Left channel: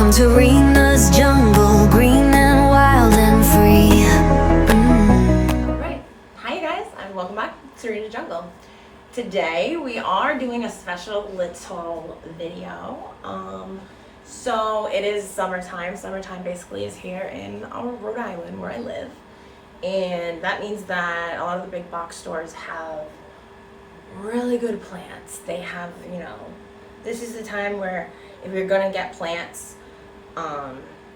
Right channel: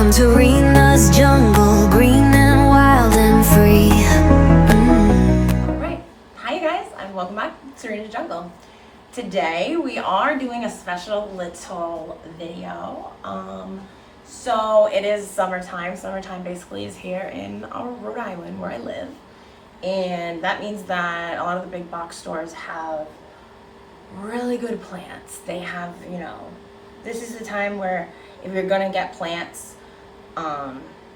Welcome to Rena's jungle, green and wild and free. Alright, hi you guys, and welcome back to Rena's Jungle. Today we are doing a special little video. So it is summertime. Summertime basically is here in our Rhode Island where I live. And that means that a lot of the big box stores have really good plants. They have, this is the time where if you're gonna get plants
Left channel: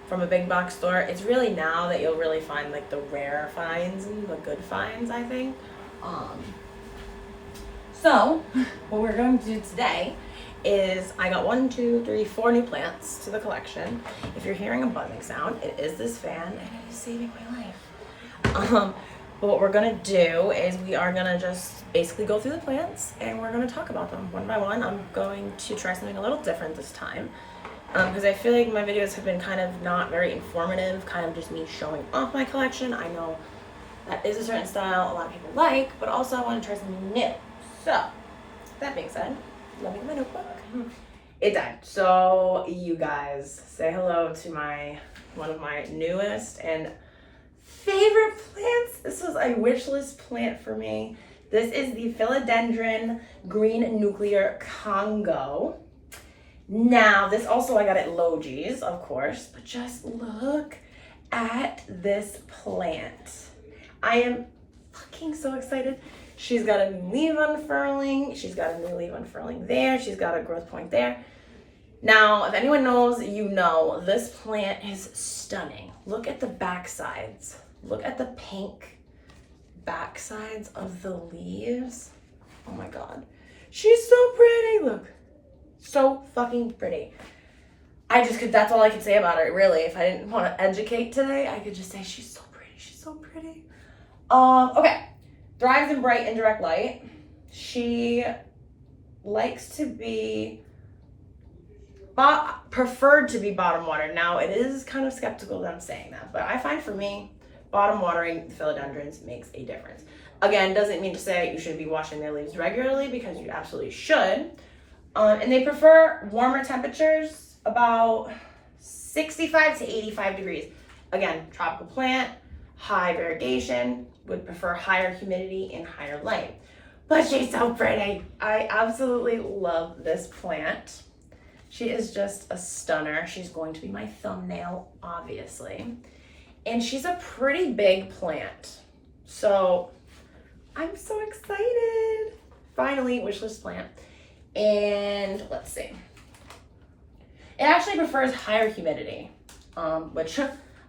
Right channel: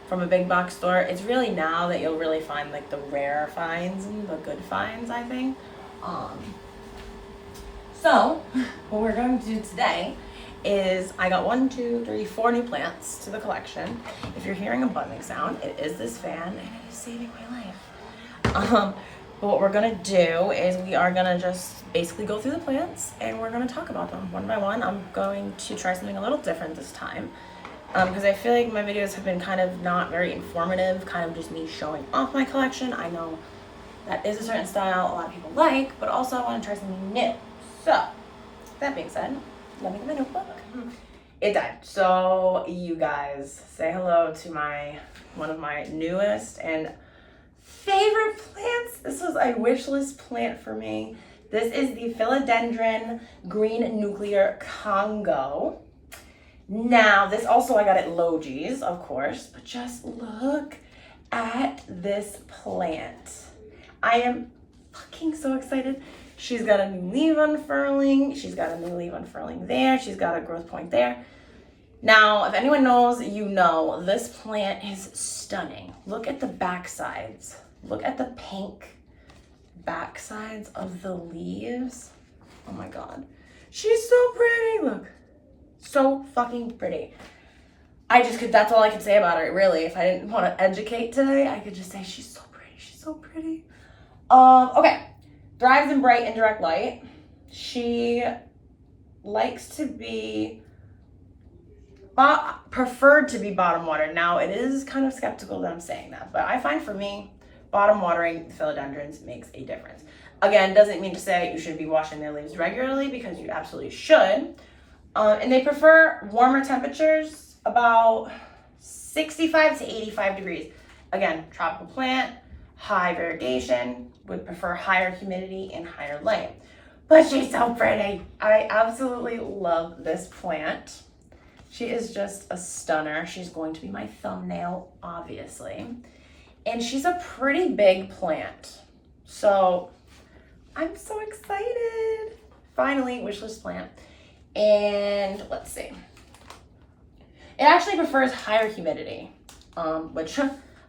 from a big box store, it's really now that you'll really find like the rare finds and the good finds, I think. So what we're going to do today is I got 4 new plants to the collection. If you're hearing a buzzing sound, it is this fan and it is saving my life. But what we're gonna do is we are gonna just basically go through the plants and we're gonna talk about them one by one. I'm going to try something a little different this time because I feel like my videos have been kind of not very informative, kind of just me showing off my collection. I know that is a certain style a lot of people like, but also I want to try something new. So that being said, let me get my notebook. It died. So you guys, say hello to one of my newest and favorite plants. This was a wish list plant for me. This is the Philodendron Green Nuclear Congo. Now, this also I got at Logi's, of course, but just look at this plant. I am fucking so excited. She's got a new leaf unfurling. She's got a new leaf unfurling there. She's got a growth point there. Now, if anyone knows, you know, this plant is stunning. Look at the back sides. Look at the pink back sides of the leaves. Oh my God. She's so pretty, look. So fucking pretty. That's all I could say about her, really. If I didn't want to educate today, I could just say she's so pretty, she's so pretty. Okay. Thrives in bright indirect light. She likes to be preferred to be bottom watered. Now, it is kind of skeptical that I'm saying that, but I find for me, bottom watering philodendrons makes a difference. Again, doesn't mean to say you should be washing their leaves regularly, because you absolutely should. And they prefer warmer temperatures, about 65 to 85 degrees. Again, tropical plant, high variegation, would prefer higher humidity and higher light. But she's so pretty. I absolutely love this plant. She is just a stunner. She's going to be my thumbnail, obviously. And she's a pretty big plant. So I'm so excited. Finally, wishlist plant. And let's see. It actually prefers higher humidity, which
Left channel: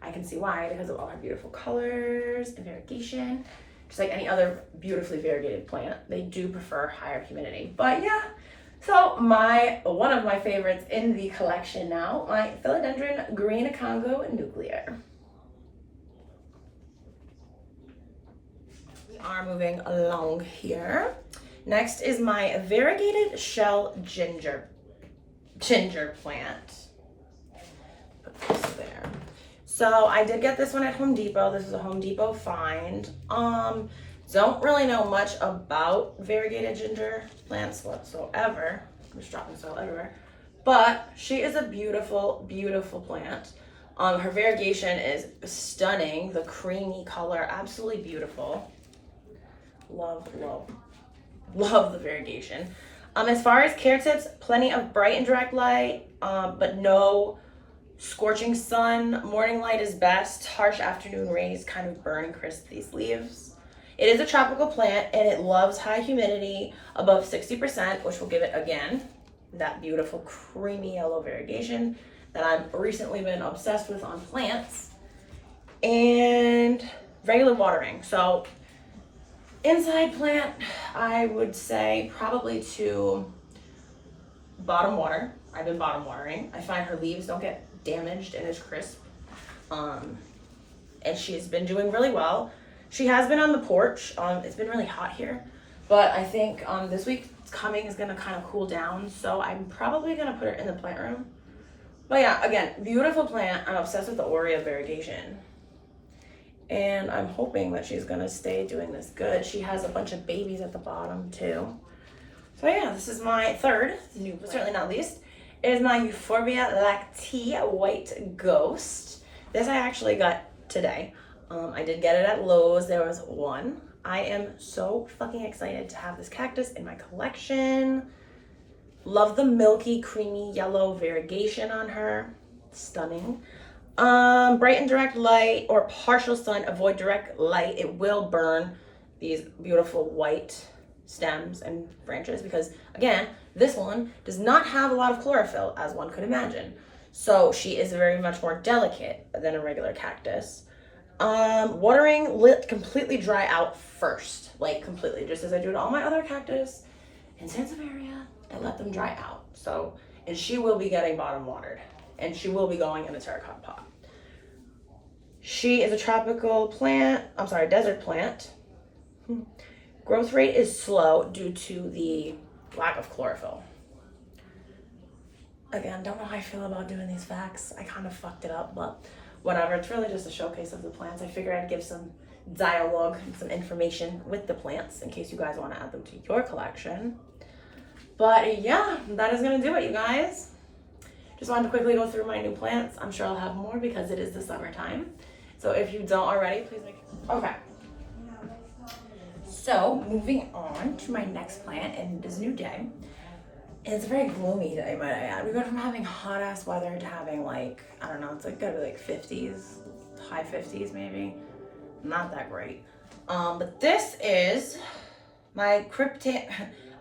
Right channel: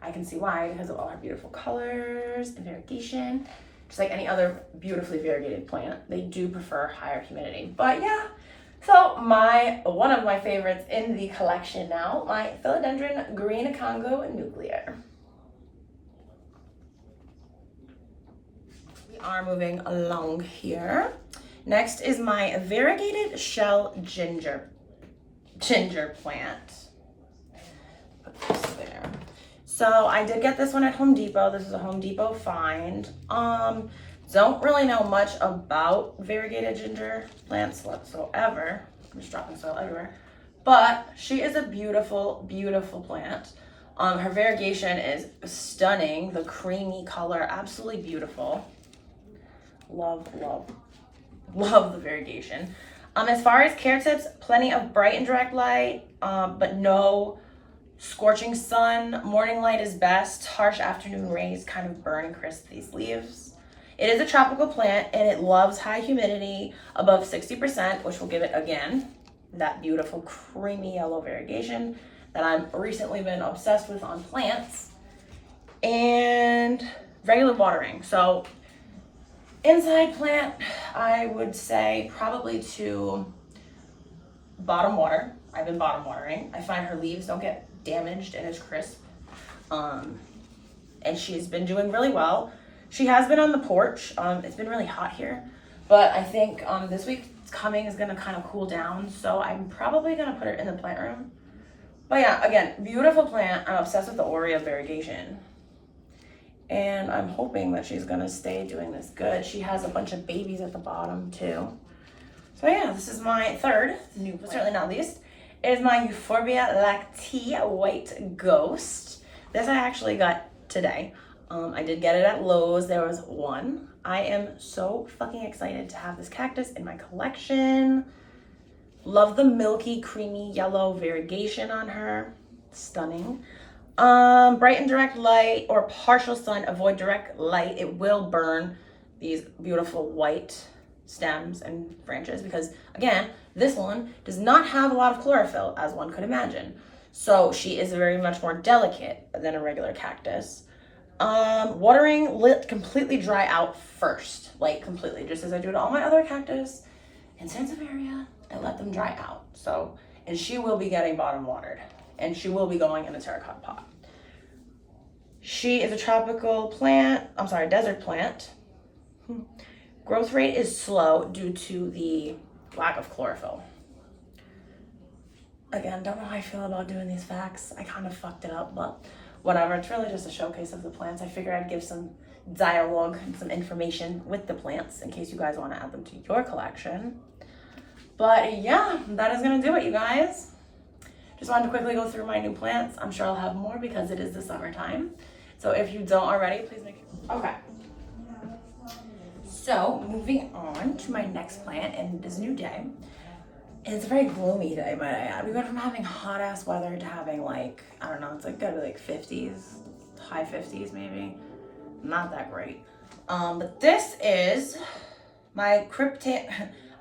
I can see why, because of all her beautiful colors and variegation. Just like any other beautifully variegated plant, they do prefer higher humidity. But yeah, so one of my favorites in the collection now, my Philodendron Green Congo Nuclear. We are moving along here. Next is my variegated shell ginger plant. Put this there. So I did get this one at Home Depot. This is a Home Depot find. Don't really know much about variegated ginger plants whatsoever. I'm just dropping soil everywhere. But she is a beautiful, beautiful plant. Her variegation is stunning. The creamy color, absolutely beautiful. Love, love, love the variegation. As far as care tips, plenty of bright and direct light, but no scorching sun. Morning light is best. Harsh afternoon rays kind of burn and crisp these leaves. It is a tropical plant and it loves high humidity above 60%, which will give it, again, that beautiful creamy yellow variegation that I've recently been obsessed with on plants. And regular watering. So inside plant, I would say probably to bottom water. I've been bottom watering. I find her leaves don't get damaged and is crisp. And she's been doing really well. She has been on the porch. It's been really hot here, but I think this week coming is gonna kind of cool down. So I'm probably gonna put her in the plant room. But yeah, again, beautiful plant. I'm obsessed with the Aurea variegation. And I'm hoping that she's gonna stay doing this good. She has a bunch of babies at the bottom too. So yeah, this is my third new plant, certainly not least. is my Euphorbia Lactea White Ghost. This I actually got today. I did get it at Lowe's. There was one. I am so fucking excited to have this cactus in my collection. Love the milky, creamy yellow variegation on her. Stunning. Bright and direct light or partial sun. Avoid direct light. It will burn these beautiful white stems and branches because, again, this one does not have a lot of chlorophyll, as one could imagine. So she is very much more delicate than a regular cactus. Watering, let completely dry out first, like completely, just as I do to all my other cactus in Sansevieria. I let them dry out. So, and she will be getting bottom watered, and she will be going in a terracotta pot. She is a tropical plant, desert plant. Growth rate is slow due to the lack of chlorophyll. Again, don't know how I feel about doing these facts. I kind of fucked it up, but whatever. It's really just a showcase of the plants. I figured I'd give some dialogue and some information with the plants in case you guys want to add them to your collection. But yeah, that is going to do it, you guys. Just wanted to quickly go through my new plants. I'm sure I'll have more because it is the summertime. So if you don't already, please make sure. Okay. So moving on to my next plant, and it is a new day. It's a very gloomy day, might I add. We went from having hot ass weather to having like, I don't know, it's like gotta be like 50s, high 50s maybe. Not that great. But this is my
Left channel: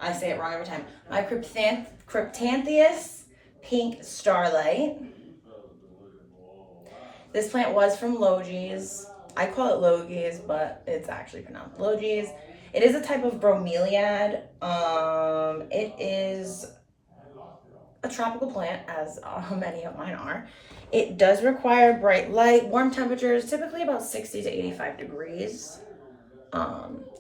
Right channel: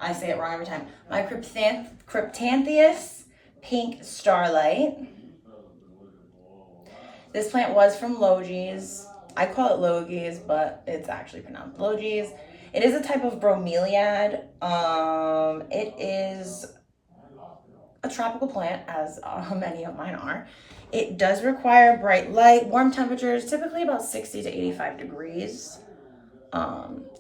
I say it wrong every time. My Cryptantheus Pink Starlight. This plant was from Logee's. I call it Logee's, but it's actually pronounced Logee's. It is a type of bromeliad. It is a tropical plant, as many of mine are. It does require bright light, warm temperatures, typically about 60 to 85 degrees.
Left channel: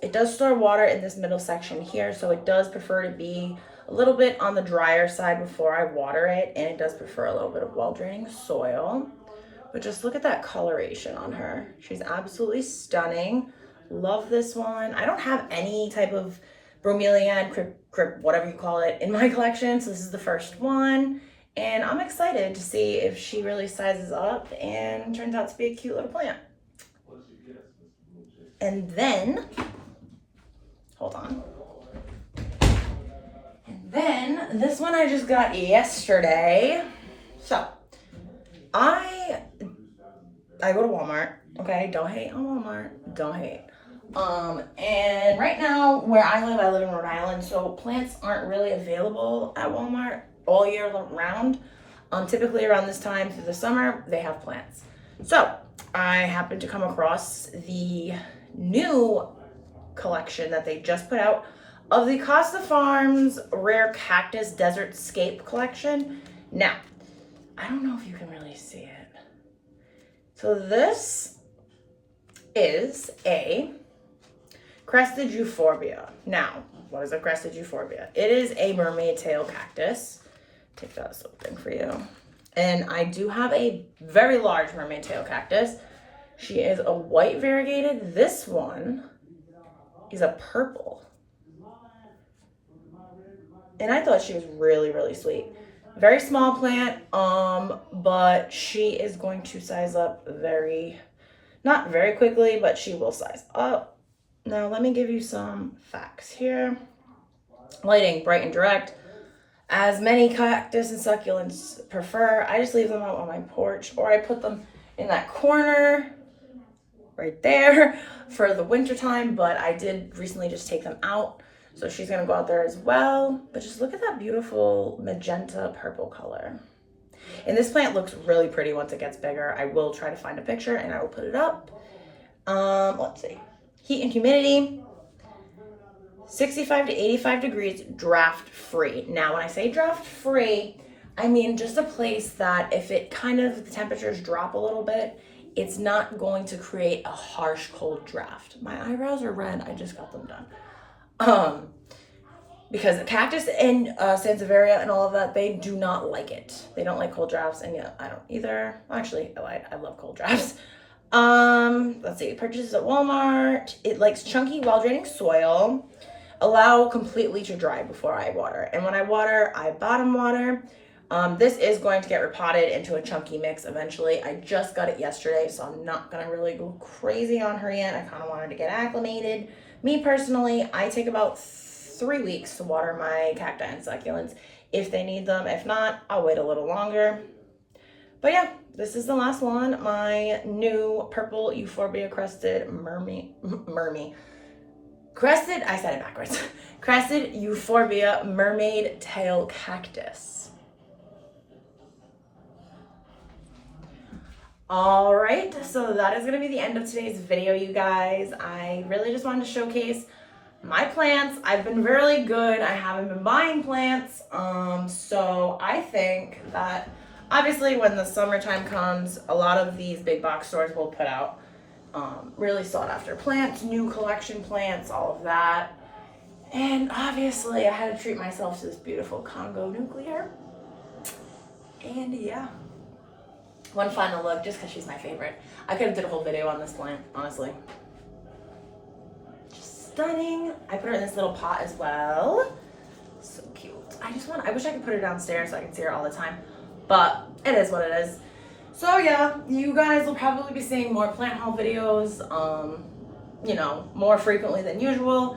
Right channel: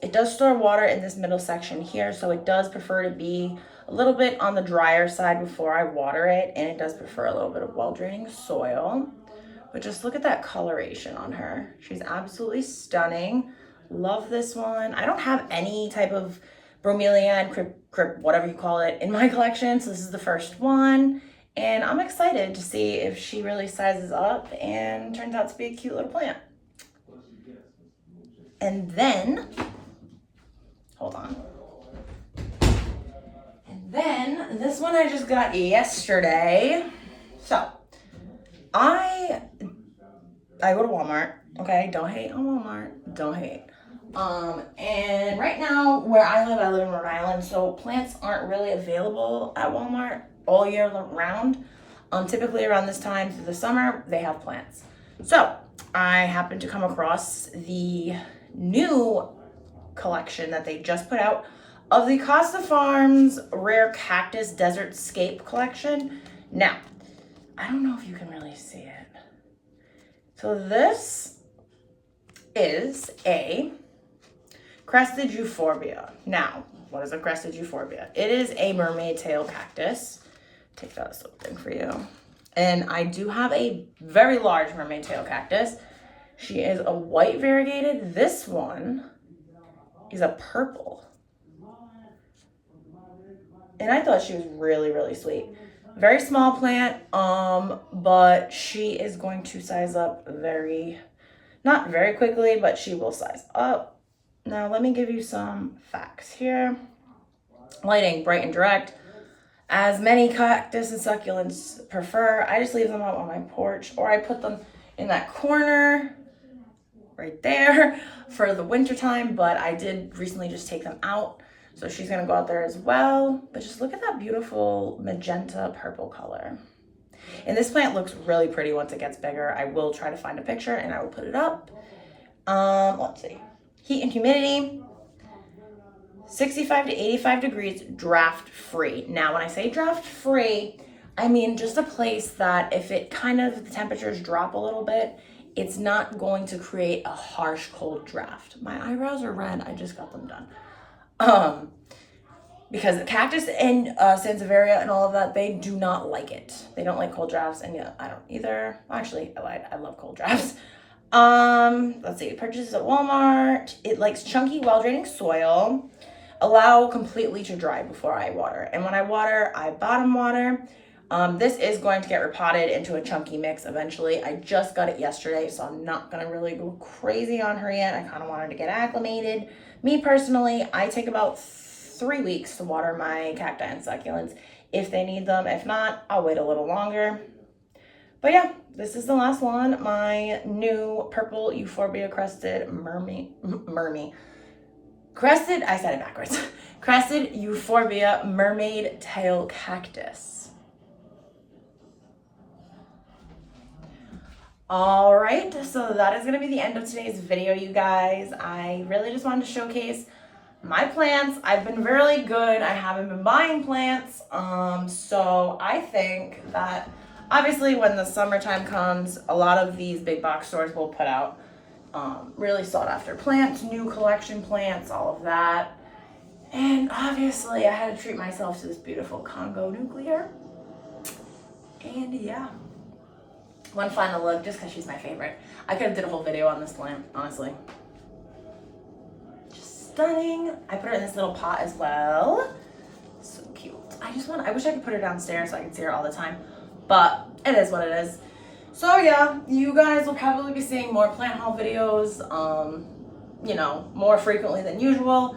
It does store water in this middle section here, so it does prefer to be a little bit on the drier side before I water it, and it does prefer a little bit of well-draining soil. But just look at that coloration on her. She's absolutely stunning. Love this one. I don't have any type of bromeliad, whatever you call it, in my collection, so this is the first one. And I'm excited to see if she really sizes up and turns out to be a cute little plant. And then, hold on. And then, this one I just got yesterday. So, I go to Walmart, okay? Don't hate on Walmart, don't hate. And right now, where I live in Rhode Island, so plants aren't really available at Walmart all year round. Typically around this time through the summer, they have plants. So, I happened to come across the new collection that they just put out of the Costa Farms Rare Cactus Desert Scape collection. Now, I don't know if you can really see it. So this is a crested euphorbia. Now, what is a crested euphorbia? It is a mermaid tail cactus. Take that little thing for you. And I do have a very large mermaid tail cactus. She is a white variegated. This one is a purple. And I thought she was really, really sweet. Very small plant, but she is going to size up not very quickly, but she will size up. Now, let me give you some facts here. Lighting, bright and direct. As many cactus and succulents prefer, I just leave them out on my porch, or I put them in that corner right there for the winter time, but I did recently just take them out. So she's gonna go out there as well. But just look at that beautiful magenta purple color. And this plant looks really pretty once it gets bigger. I will try to find a picture and I will put it up. Let's see. Heat and humidity, 65 to 85 degrees, draft free. Now, when I say draft free, I mean just a place that if the temperatures drop a little bit, it's not going to create a harsh cold draft. My eyebrows are red, I just got them done. Because the cactus and Sansevieria and all of that, they do not like it. They don't like cold drafts, and yeah, I don't either. Actually, I lied. I love cold drafts. Let's see. Purchases at Walmart. It likes chunky, well-draining soil. Allow completely to dry before I water. And when I water, I bottom water. This is going to get repotted into a chunky mix eventually. I just got it yesterday, so I'm not gonna really go crazy on her yet. I kind of want her to get acclimated. Me personally, I take about 3 weeks to water my cacti and succulents if they need them. If not, I'll wait a little longer. But yeah, this is the last one. My new purple Euphorbia crested crested, I said it backwards. Crested Euphorbia mermaid tail cactus. All right, so that is gonna be the end of today's video, you guys. I really just wanted to showcase my plants. I've been really good. I haven't been buying plants. So I think that obviously when the summertime comes, a lot of these big box stores will put out really sought after plants, new collection plants, all of that. And obviously I had to treat myself to this beautiful Congo nuclear. And yeah, one final look just because she's my favorite. I could have did a whole video on this plant, honestly. Just stunning. I put her in this little pot as well. So cute. I wish I could put her downstairs so I could see her all the time, but it is what it is. So yeah, you guys will probably be seeing more plant haul videos, you know, more frequently than usual,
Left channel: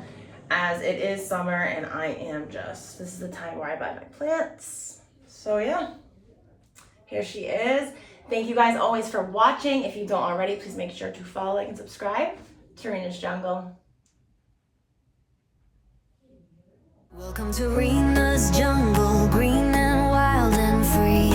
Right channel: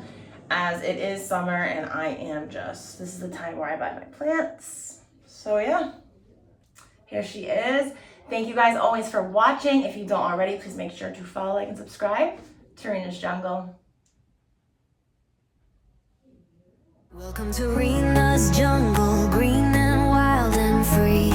as it is summer and this is the time where I buy my plants. So yeah, here she is. Thank you guys always for watching. If you don't already, please make sure to follow, like, and subscribe to Rena's Jungle. Welcome to Rena's Jungle, green and wild and free.